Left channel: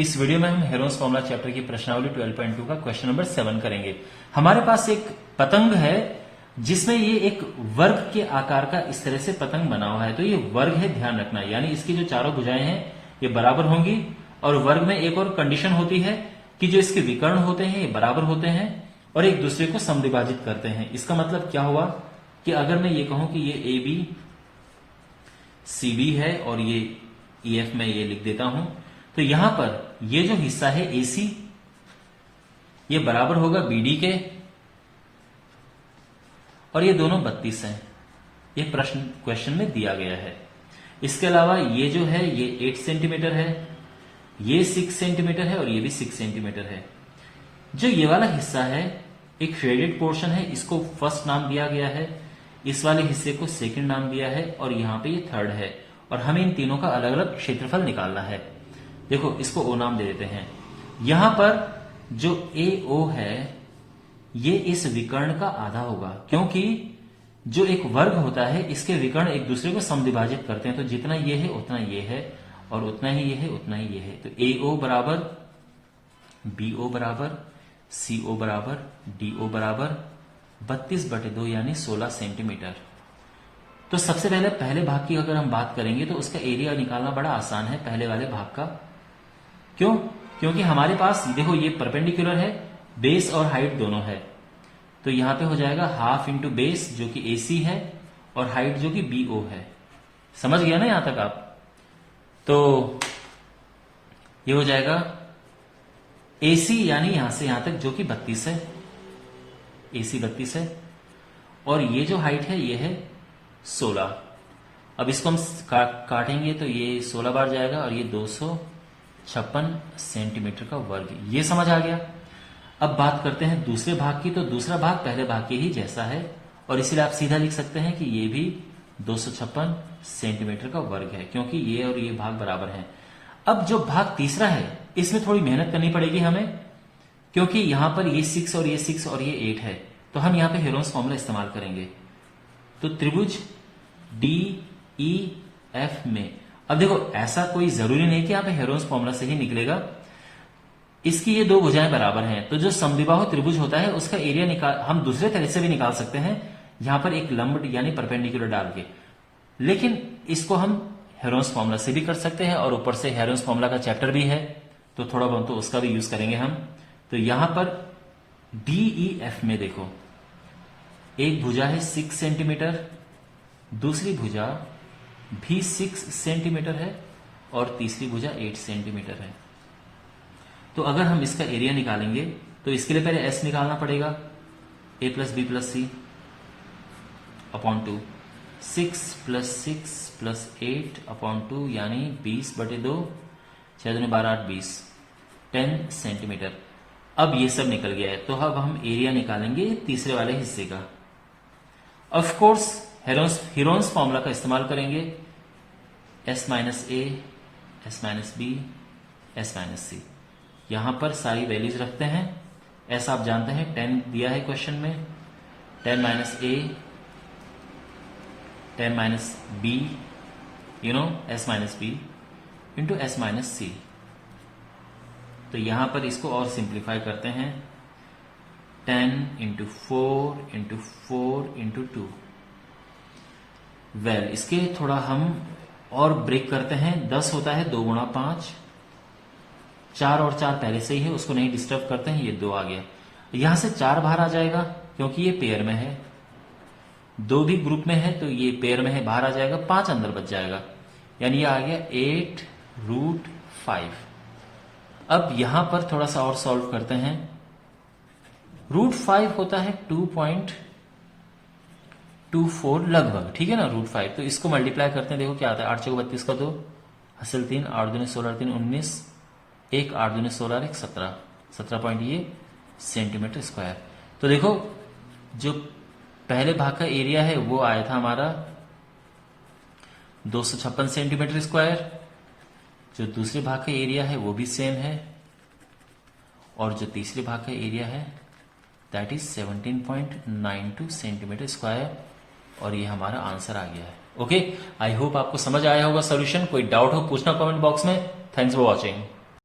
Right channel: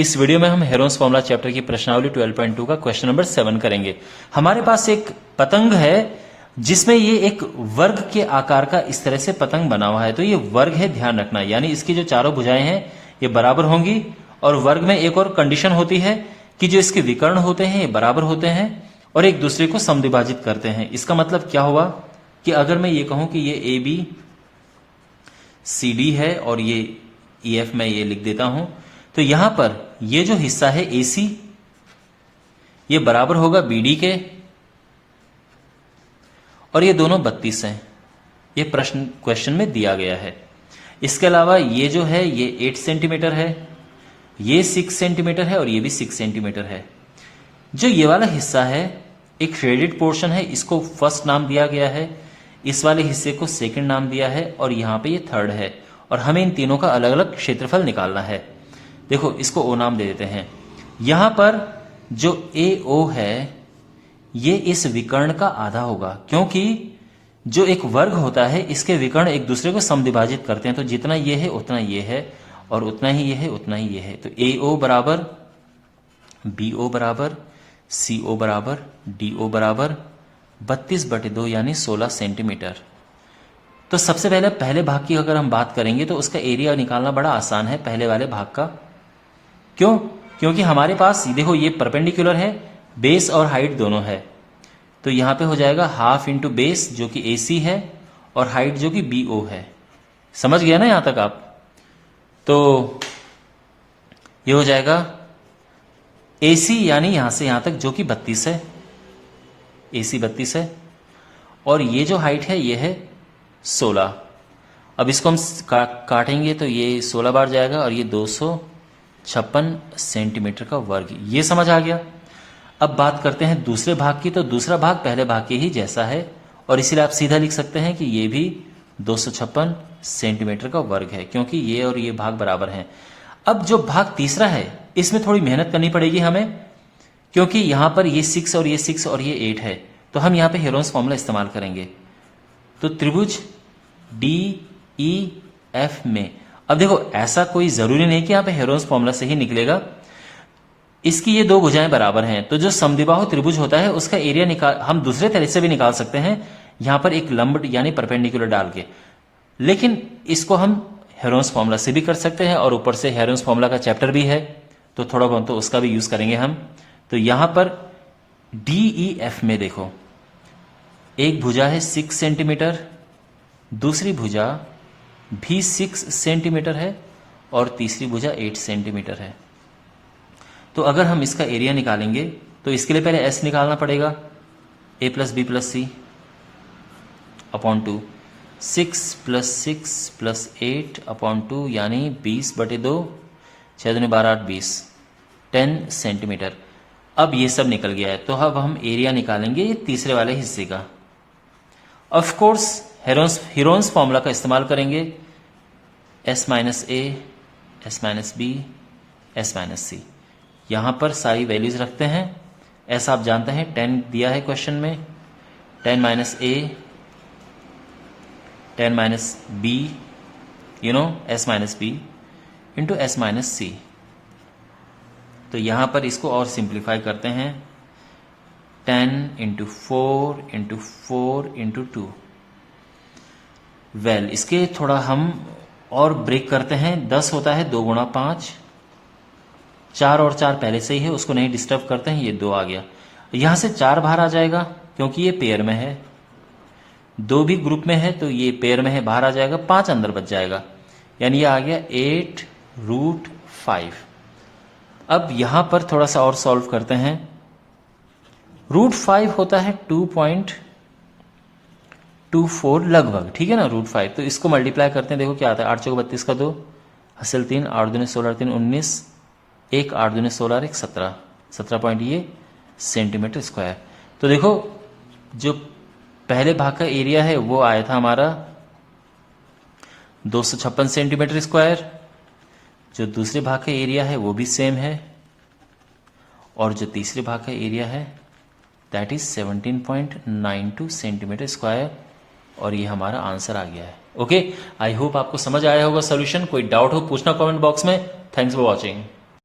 इस वीडियो में हम हेरोन्स फॉर्मूला चैप्टर की प्रश्नावली 12.2 का क्वेश्चन नंबर 7 करेंगे। हमारे पास एक पतंग है जिसमें ये एक वर्ग के आकार का इस तरह से पतंग बना हुआ है। तो ये वर्ग है, ध्यान रखना, यानी इसकी जो चारों भुजाएं हैं ये बराबर होंगी। और वर्ग में एक और कंडीशन होती है कि जो इसके विकर्ण होते हैं ये बराबर होते हैं और एक दूसरे को समद्विभाजित करते हैं। इसका मतलब क्या हुआ कि अगर मैं ये कहूं कि ये ए बी सी डी है और ये ई एफ मैं ये लिख देता हूं, तो यहां पर ये जो हिस्सा है ए सी ये बराबर होगा बी डी के, और ये दोनों 32 हैं। ये प्रश्न क्वेश्चन में दिया गया है। इसके अलावा ये जो है ये 8 सेंटीमीटर है, ये 6 सेंटीमीटर है और ये भी 6 सेंटीमीटर है। जो ये वाला हिस्सा है एक शेडेड पोर्शन है, इसको फर्स्ट नाम दिया गया है, इस वाले हिस्से को सेकंड नाम दिया है और यहां पे ये थर्ड है। और हमें इन तीनों का अलग अलग क्षेत्रफल निकालना है। देखो इसको ओ नाम दे देते हैं। यहां पर जो ए ओ है ये इस विकर्ण का आधा होगा, क्योंकि जो एक वर्ग होता है इसके विकर्ण एक दूसरे को समद्विभाजित करते हैं। तो जितना ये है उतना ये है और उतना ही ये है उतना ही ये है। तो ए ओ बराबर बी ओ बराबर सी ओ बराबर डी ओ बराबर 32/2 यानी 16 सेंटीमीटर। तो सबसे पहले पहले भाग की अगर हम बात करेंगे तो उसका एरिया निकालना बड़ा आसान है पहले वाले भाग का। क्यों? क्योंकि हमारे पास देखो ये परपेंडिकुलर है, बेस और हाइट दोनों है। तो यहां पे हो जाएगा हाफ इंटू बेस जो कि ए सी है और हाइट जो कि बी ओ है। समझ गया ना यहां तक आप? तो ये हो जाएगा ए सी यानी यहां से यहां तक जो कि 32 है, ए सी 32 है और ये जो हाइट है ये है 16। अब इसको हम काटेंगे तो ये 16 बार जाएगा और ये 256 सेंटीमीटर का वर्ग। ये समझ आ गया। अब बात करते हैं दूसरे भाग की। तो दूसरा भाग पहले भाग के ही जैसा है और इसीलिए आप सीधा लिख सकते हैं कि ये भी 256 सेंटीमीटर का वर्ग है, क्योंकि ये और ये भाग बराबर हैं। अब जो भाग तीसरा है इसमें थोड़ी मेहनत करनी पड़ेगी हमें, क्योंकि यहां पर ये 6 और ये 6 और ये 8 है। तो हम यहां पे हेरोन्स फॉर्मूला इस्तेमाल करेंगे। तो त्रिभुज डी ई एफ में, अब देखो ऐसा कोई जरूरी नहीं कि यहां पे हेरोन्स फॉर्मूला से ही निकलेगा। इसकी ये दो भुजाएं बराबर हैं, तो जो समद्विबाहु त्रिभुज होता है उसका एरिया हम दूसरे तरीके से भी निकाल सकते हैं, यहां पर एक लंब यानी परपेंडिकुलर डाल के। लेकिन इसको हम हेरोन्स फॉर्मूला से भी कर सकते हैं और ऊपर से हेरोन्स फॉर्मूला का चैप्टर भी है, तो थोड़ा बहुत तो उसका भी यूज करेंगे हम। तो यहां पर डीई एफ में देखो एक भुजा है 6 सेंटीमीटर, दूसरी भुजा भी 6 सेंटीमीटर है और तीसरी भुजा 8 सेंटीमीटर है। तो अगर हम इसका एरिया निकालेंगे तो इसके लिए पहले एस निकालना पड़ेगा, ए प्लस बी प्लस सी अपॉन 2, 6 प्लस 6 प्लस 8 अपॉन 2 यानी 20/2, 6 दूनी 12 8 20, 10 सेंटीमीटर। अब ये सब निकल गया है, तो अब हम एरिया निकालेंगे ये तीसरे वाले हिस्से का। ऑफ कोर्स हेरोन्स फॉर्मूला का इस्तेमाल करेंगे, s minus a, s minus B, S minus c. यहां पर सारी वैल्यूज रखते हैं। एस आप जानते हैं 10 दिया है क्वेश्चन में, 10 minus A, 10 minus B, S minus B into S minus C. तो यहां पर इसको और सिंप्लीफाई करते हैं, 10 इंटू 4 इंटू 4 इंटू 2। वेल इसके थोड़ा हम और ब्रेक करते हैं। 10 होता है 2 गुणा 5, 4 और 4 पहले से ही है, उसको नहीं डिस्टर्ब करते हैं। ये 2 आ गया, यहां से 4 बाहर आ जाएगा क्योंकि ये पेयर में है, 2 भी ग्रुप में है तो ये पेयर में है, बाहर आ जाएगा, 5 अंदर बच जाएगा, यानी ये आ गया 8√5। अब यहां पर थोड़ा सा और सॉल्व करते हैं। √5 होता है 2.24 लगभग, ठीक है ना, √5। तो इसको मल्टीप्लाई करते हैं, देखो क्या आता है, 8 चौक 32 का 2, हासिल 3, 8 दूनी 16, 3 19, 1 8 दूनी 16, 1 17, 17 पॉइंट ये सेंटीमीटर स्क्वायर। तो देखो जो पहले भाग का एरिया है वो आया था हमारा 256 सेंटीमीटर स्क्वायर, जो दूसरे भाग का एरिया है वो भी सेम है, और जो तीसरे भाग का एरिया है दैट इज 17.92 सेंटीमीटर स्क्वायर, और ये हमारा आंसर आ गया है। ओके, आई होप आपको समझ आया होगा सोल्यूशन। कोई डाउट हो पूछना कमेंट बॉक्स में। Thanks for watching.